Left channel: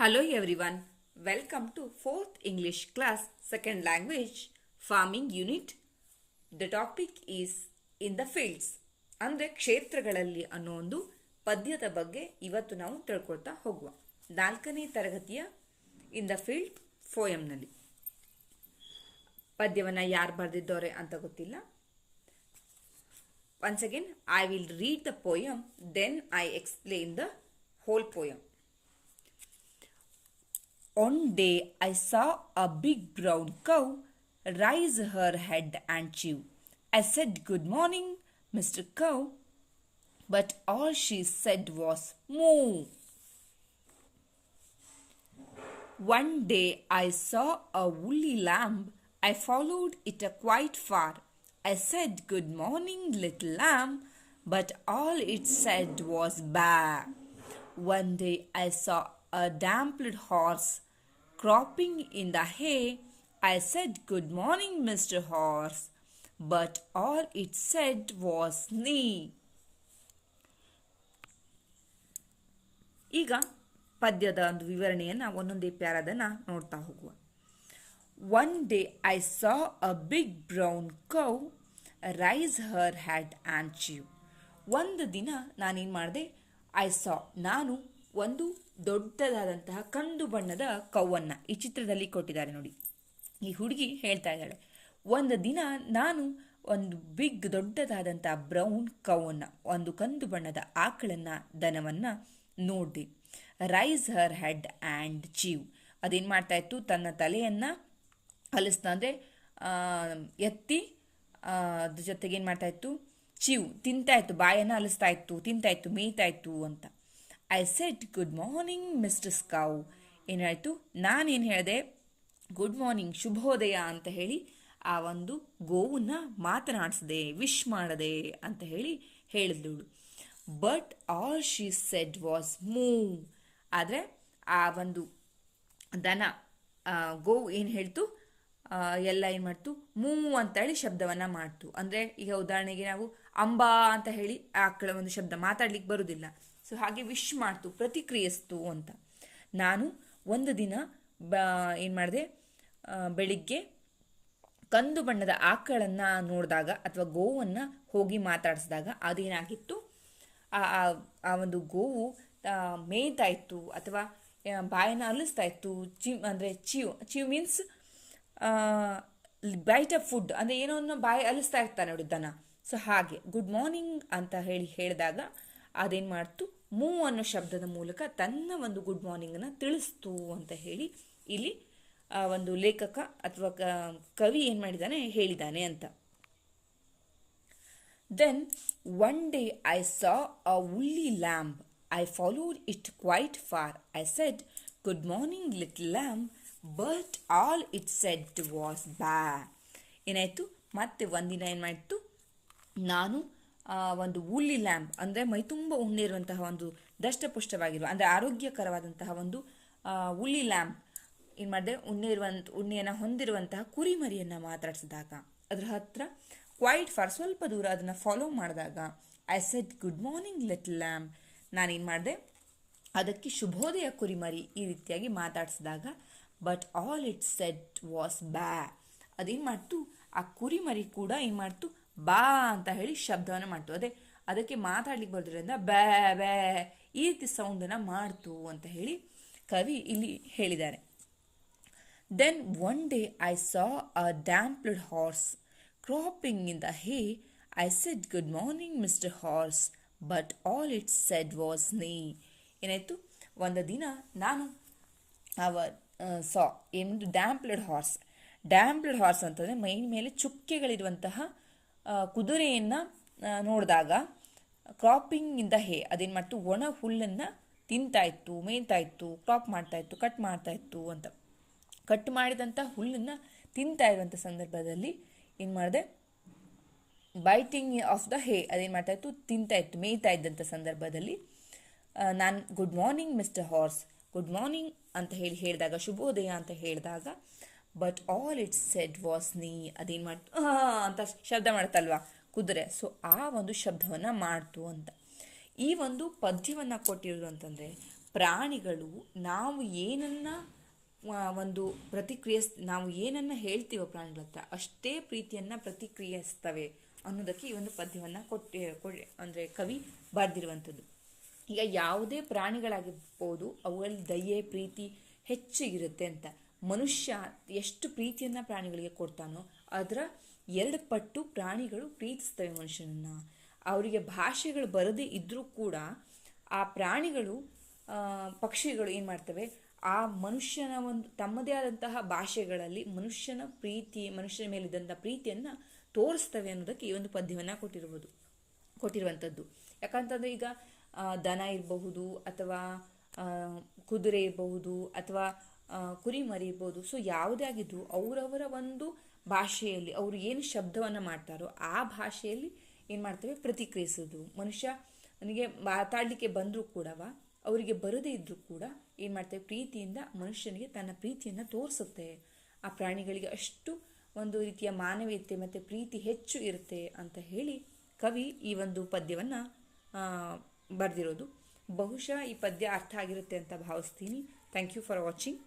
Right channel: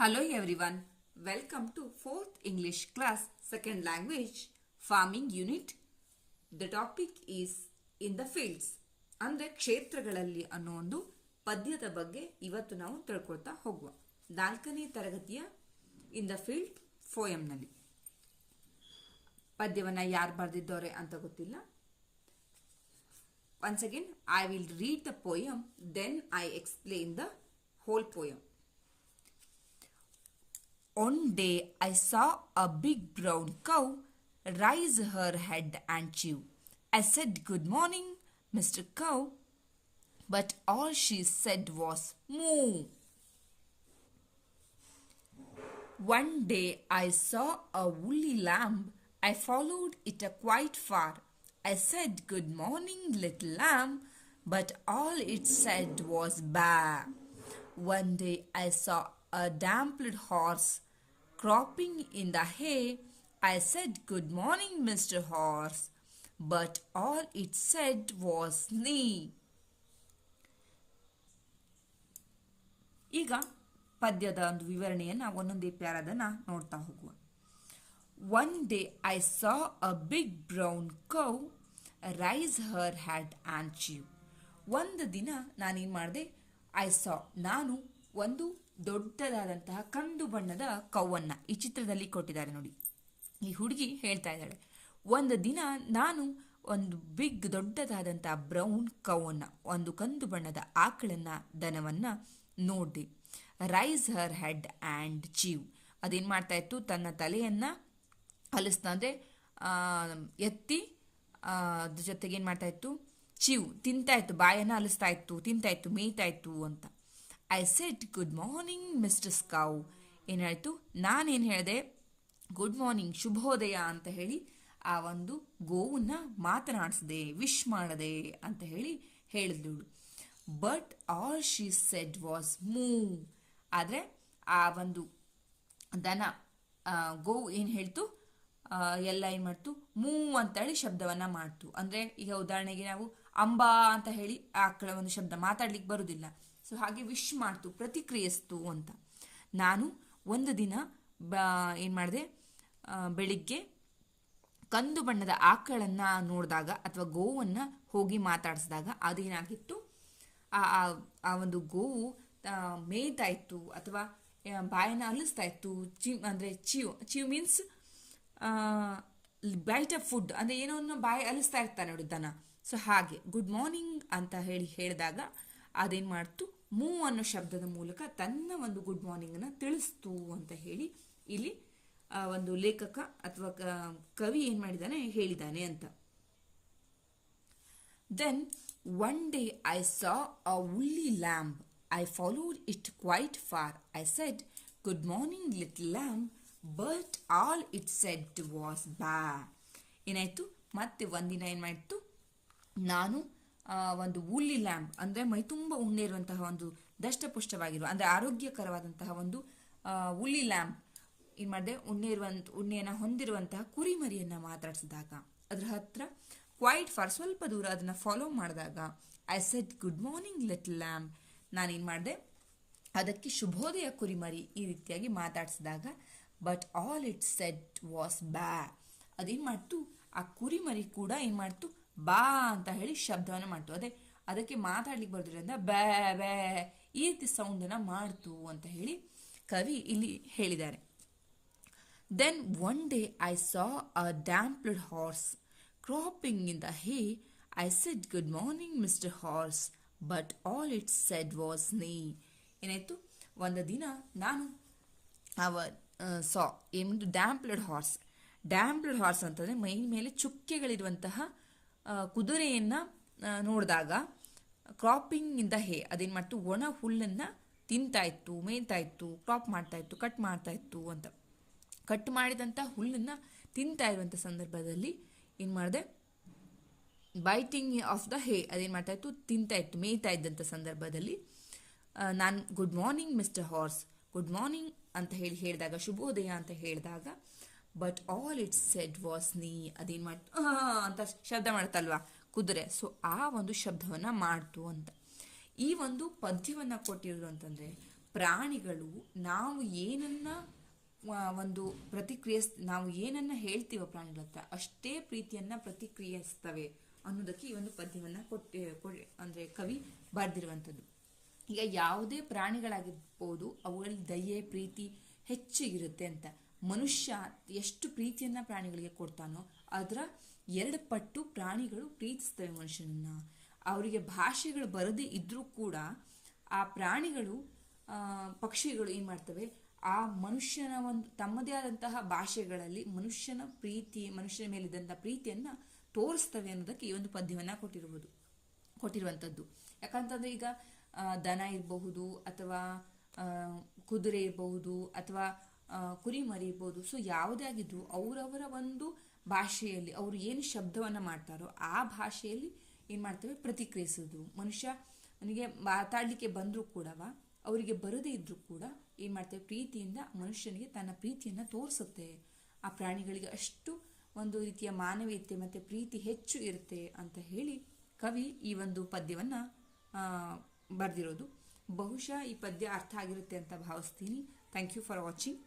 Hello everyone, welcome to 4th English class, second language, farming unit. The topic is in the fields. ಅಂದರೆ ಕ್ಷೇತ್ರಗಳಲ್ಲಿ ಅನ್ನೋ ಒಂದು ಪದ್ಯದ ಬಗ್ಗೆ ಇವತ್ತು ನಾವು ತಿಳ್ಕೊಳ್ತಾ ಹೋಗುವ. 4ನೇ ತರಗತಿಯ ಇನ್ ದ ಫೀಲ್ಡ್ ಫೋಯಂನಲ್ಲಿ ಪದ್ಯವನ್ನು ಯಾರು ಬರೆದಿದ್ದಾರೆ ಅಂತ ಗೊತ್ತಿಲ್ಲ. Once again, I will read the poem, then I explain the whole poem. One day I saw a big brown cow raise her head and chew. I said, "Good morning, Mr. Cow," but all she said was moo. One day I saw a woolly lamb. I followed it quite far. I said, "Good morning, little lamb," but all it said was baa. One day I saw a dampled horse cropping in the hay. I said, "Good morning, Mr. Horse," but all it said was neigh. ಈಗ ಪದ್ಯದ ಒಂದು ವಿವರಣೆಯನ್ನು ಒಂದೊಂದೇ ಪ್ಯಾರಾದನ್ನು ನೋಡ್ತಾ ಹೋಗುವ. One day I saw a big brown cow raise her head and chew. ಒಂದು ದಿನ ನಾನೇನು ಮಾಡಿದೆ, ನಾನು ಒಂದು ದೊಡ್ಡದಾದಂತಹ ಕಂದು ಬಣ್ಣದ ಕೌವನ್ನು ಈ ಚಿತ್ರದಲ್ಲಿ ಕೊಟ್ಟಿದ್ದಾರೆ ನೋಡಿ. ಈ ಹುಡುಗಿ ಹೇಳ್ತಾ ಇದ್ದಾಳೆ, ಒಂದು ದಿನ ನಾನು ಒಂದು ದೊಡ್ಡದಾದಂತಹ ಬ್ರೌನ್ ಕೌವನ್ನು, ಒಂದು ಕಂದು ಬಣ್ಣದ ಆಕಳನ್ನ, ದನವನ್ನು ನೋಡಿದೆ. Raise her head and chew, ಅದೇನು ಮಾಡ್ತಾ ಇತ್ತು, ತನ್ನ ತಲೆಯನ್ನು ಹಲಿಸ್ತಾ ಅಂದರೆ ಎತ್ತಿ, ಅದ್ರ ಜೊತೆಗೆ ಏನು ಮಾಡ್ತಾ ಇತ್ತು, ಚೀವ್ ತಿಂತಾ ಇತ್ತು, ಬಾಯನ್ನು ಹಲಿಸ್ತಾ ಇತ್ತು, ತಿಂತಾ ಇತ್ತು, ಮೇಯ್ತಾ ಇತ್ತು ಅಂತ. I said, "good morning mister cow." ಏನಾಯಿತು, ನಾನೇನು ಹೇಳಿದೆ, ಗುಡ್ ಮಾರ್ನಿಂಗ್, ಶುಭೋದಯ ಅಂತ ಹೇಳಿ ಆ ಒಂದು ಗೋವನ್ನ ಮಾತನಾಡಿಸಿದೆ, ವಿಶ್ ಮಾಡದೆ ಅಂತ ಹೇಳಿ ಹೇಳಿದ್ಳು. But all she said was moo. ಆದರೆ ಆ ಒಂದು ದನ, ಗೋವು ಏನು ಹೇಳ್ತು, ಎಲ್ಲ ಏನು ಮಾಡ್ತು, ಮೂ ಅಂತ ಹೇಳಿ ಶಬ್ದವನ್ನು ಮಾಡ್ತು. ಅಂದರೆ ಈಗ ಉದಾಹರಣೆಗೆ ನಾವು ಅಂಬಾ ಅಂತ ಹೇಳಿ ಆಕಳ ಒಂದು ಶಬ್ದ ಮಾತಾಡ್ಲಿಕ್ಕೆ ಬರುವುದಿಲ್ಲ, ಸೊ ಹಾಗೆ ವಿಶ್ ಮಾಡ್ತು, ಪ್ರತಿಕ್ರಿಯಿಸ್ತು ಅಂತ. ನಾನು ಒಂದು ದಿನ ಏನು ಮಾಡಿದೆ, ಬೆಳಿಗ್ಗೆ ಕಂದು ಬಣ್ಣದ ಆಕಳನ್ನು ನೋಡಿದಾಗ ಅಥವಾ ಗೋವನ್ನು ಹೋಗಿ ಮಾತಾಡಿಸಿದಾಗ ಅದೇನಾಗಿತ್ತು, ಆ ಒಂದು ಗೋವು ಮೇಯ್ತಾ ಇತ್ತು ಅಥವಾ ಬಾಯನ್ನು ಅಲಿಸ್ತಾ ಇತ್ತು. ಅಂದರೆ chew means bite of food, ಅಂದರೆ ಏನೋ ಬಾಯಿ ಅಲಿಸ್ತಾ ಇರ್ತಾನೆ ನೋಡಿ ದನ. ಸೊ ಹಾಗೆ ಗುಡ್ ಮಾರ್ನಿಂಗ್ ಅಂತ ಹೇಳಿದಾಗ ಅದೇನು ಮಾಡ್ತು, ಮೂ ಅನ್ನೋ ಶಬ್ದದ ಮೂಲಕ ತನ್ನ ಒಂದು ಗುಡ್ ಮಾರ್ನಿಂಗನ್ನು ತಿಳಿಸ್ತು ಅಂತ ಹೇಳಿ ಇಲ್ಲಿ ಒಂದು ಲೇಖಕ ಅಥವಾ ಕವಿ ಏನು ಮಾಡಿದ್ದಾನೆ, ಹೇಳಿದ್ದಾನೆ ಅಂತ. Then one day I saw a woolly lamb. I followed it quite far. I said, "Good morning, little lamb," but all it said was baa. ಏನಾಯಿತು, ಮತ್ತೆ ಒಂದಿನ ಏನು ಮಾಡಿತು, ನಾನು ಒಂದು ವೂಲಿ ಲ್ಯಾಂಬ್ ಅಂದರೆ ಮೈ ತುಂಬ ಉಣ್ಣೆ ಇರುವಂತಹ ಒಂದು ದಷ್ಟಪುಷ್ಟವಾಗಿರುವ ಅಂದರೆ ಆರೋಗ್ಯಕರವಾದಂತಹ ಒಂದು ವೂಲಿ ಲ್ಯಾಂಬ್ ಏನು ಮಾಡಿದೆ, ಉಣ್ಣೆಯನ್ನು ಹೊಂದಿರುವಂತಹ ಕುರಿಮರಿಯನ್ನು ಮಾತಾಡಿಸಿದಾಗ ಅದರ ಹತ್ರ ಕ್ವೈಟ್ ಫಾರ್ ಸ್ವಲ್ಪ ದೂರ ಅದನ್ನು ಫಾಲೋ ಮಾಡಿದಾಗ I said, "good morning little lamb." ನಾನೇನು ಮಾಡಿದೆ, ಅದಕ್ಕೆ ಶುಭೋದಯ ಕುರಿಮರಿ ಈ ರೀತಿಯಾಗಿ ಮಾತಾಡಿಸಿದಾಗ but all it said was baa. ಅದೇನು ಮಾಡ್ತು, ಆ ಕುರಿಮರಿ ಕೂಡ ಏನು ಮಾಡ್ತು, ಬಾ ಅಂತ ಹೇಳಿ ಶಬ್ದವನ್ನು ಮಾಡ್ತು. ಅದಕ್ಕೆ ಮಾತಾಡ್ಲಿಕ್ಕೆ ಬರೋದ್ರಿಂದ ಬ್ಯಾ ಬ್ಯಾ ಈ ರೀತಿ ಸೌಂಡನ್ನು ಮಾಡ್ತು ಅಂತ ಹೇಳಿ ಕವಿ ಇಲ್ಲಿ ಹೇಳಿದ್ದಾರೆ. Then one day I saw a dappled horse cropping in the hay. I said, "good morning mister horse," but all it said was neigh. ಏನಾಯಿತು, ಒಂದು ದಿನ ನಾನು ಏನೊಂದು ಡ್ಯಾಂಪ್ಲ್ಡ್ ಹಾರ್ಸ್ ಅಂತಂದರೆ ಮೈ ಮೇಲೆ ಚುಕ್ಕೆಗಳಿರುವಂತಹ ಕುದುರೆಯನ್ನು ನೋಡಿದಾಗ, ಕ್ರಾಪಿಂಗ್ ಇನ್ ದ ಹೇ, ಅದೇನು ಮಾಡ್ತು, ಒಣ ಹುಲ್ಲನ್ನು ತಿಂತಾ ಇತ್ತು, ಮೇಯ್ತಾ ಇತ್ತು, ಕ್ರಾಪ್ ಮಾಡ್ತಾ ಇತ್ತು, ಕಟ್ ಮಾಡ್ತಾ ಇತ್ತು ಅಂತ. ಕಟ್ ಮಾಡಿದಂಥ ಹುಲ್ಲನ್ನು ತಿಂತಾ ಇರುವಂಥ ಸಂದರ್ಭದಲ್ಲಿ ಏನು ಮಾಡಿದೆ, ಬೈಟಿಂಗ್ ಆಫ್ ದ ಹೇ, ಅದೇನು ಮಾಡ್ತಾ ಇತ್ತು, ತಿಂತಾ ಇತ್ತು, ಮೇಯ್ತಾ ಇದ್ದಂಥ ಸಂದರ್ಭದಲ್ಲಿ ನಾನು good morning mister horse, good morning ಅಂತ ಹೇಳಿದಾಗ, ಶುಭೋದಯ ಅಂತ ಹೇಳಿದಾಗ but all it said was neigh. ಅದೇನು ಮಾಡ್ತು, ಅಂತ ಶಬ್ದ ಮಾಡ್ತಲ್ವಾ ಕುದುರೆ, ಸೊ ಆ ಒಂದು ಶಬ್ದವನ್ನು ಮಾಡ್ತು ಅಂತ. ಈ ಒಂದು ಪದ್ಯವನ್ನು ಕೊಟ್ಟಿರೋದು ಅಂತಂದರೆ ಪ್ರಾಣಿಗಳು ನಾವು ಏನನ್ನ ಒಂದು ನಾವು ಏನನ್ನ ಹೇಳ್ತೀವೋ ಪ್ರಾಣಿಗಳ ಹತ್ರ ಅಷ್ಟೇ ಪ್ರೀತಿಯನ್ನ ಪ್ರತಿಕ್ರಿಯಿಸ್ತವೆ ಅನ್ನೋದಕ್ಕೆ ಈ ಒಂದು ಪದ್ಯವನ್ನ ಅಂದ್ರೆ ಕವಿ ಬರೆದಿರುವಂಥದ್ದು. ಈಗ ಯಾವುದೇ ಪ್ರಾಣಿಗಳಾಗಿರ್ಬೋದು ಅವುಗಳಲ್ಲಿ ದಯೆ ಪ್ರೀತಿ ಹೆಚ್ಚು ಇರುತ್ತೆ ಅಂತ. ಮನುಷ್ಯ ಎಷ್ಟು ಪ್ರೀತಿಯನ್ನ ಪ್ರಾಣಿಗಳಿಗೆ ಕೊಡ್ತಾನೋ ಅದರ 2 ಪಟ್ಟು ಪ್ರಾಣಿಗಳು ಪ್ರೀತಿಸ್ತವೆ ಮನುಷ್ಯನನ್ನ. ಅವರಿಗೆ ಭಾಷೆಗಳು ಬರದೇ ಇದ್ರೂ ಕೂಡ ಆ ಪ್ರಾಣಿಗಳು ಪಕ್ಷಿಗಳು ಏನ್ ಮಾಡ್ತವೆ, ಆ ಮನುಷ್ಯನ ಒಂದು ತಮ್ಮದೇ ಆದಂತಹ ಭಾಷೆಗಳಲ್ಲಿ ಮನುಷ್ಯನ ಮೇಲಿದ್ದಂತಹ ಪ್ರೀತಿಯನ್ನ ತೋರಿಸ್ತವೆ ಅನ್ನೋದಕ್ಕೆ ಈ ಒಂದು ಪದ್ಯವನ್ನ ಕೊಟ್ಟಿರುವಂಥದ್ದು. ಯಾಕಂತಂದ್ರೆ ಈಗ ದನ ಇರಬಹುದು ಅಥವಾ ಕುದುರೆ ಇರಬಹುದು ಅಥವಾ ಕುರಿಮರಿ ಇರ್ಬೋದು. ಸೊ ಯಾವುದೇ ಆಗಿದ್ರು ಅವರವರ ಒಂದು ಭಾಷೆಯಲ್ಲಿ ಅವರು ಏನು ಶಬ್ದವನ್ನ ಮಾಡ್ತಾರೋ ಆ ಭಾಷೆಯಲ್ಲಿ ಏನ್ ಮಾಡ್ತವೆ, ಪ್ರತಿಕ್ರಿಯಿಸೋದು. ನನಗೆ ಮಾತಾಡ್ಲಿಕ್ಕೆ ಬಂದರೂ ಕೂಡ ಅವರಿಗೆ ಬರದೇ ಇದ್ರೂ ಕೂಡ ಏನ್ ಮಾಡ್ತವೆ, ಪ್ರೀತಿಯಿಂದ ಮನುಷ್ಯನಿಗೆ ತನ್ನ ಪ್ರೀತಿಯನ್ನ ತೋರಿಸುತ್ತೆ. ಆ ಪ್ರಾಣಿಗಳಿಗೆ ಅಷ್ಟು ಒಂದು ರೀತಿಯ ಮಾನವೀಯತೆ ಮತ್ತೆ ಪ್ರೀತಿ ಹೆಚ್ಚು ಇರುತ್ತೆ ಅಂತ ಹೇಳಿ ಕವಿ ಈ ಒಂದು ಪದ್ಯವನ್ನ ಬರೆದಿರೋದು. ಬಹುಶಃ ಈ ಪದ್ಯ ಅರ್ಥ ಆಗಿರುತ್ತೆ ಅಂತ ಭಾವಿಸ್ತೀನಿ. Thank you for watching.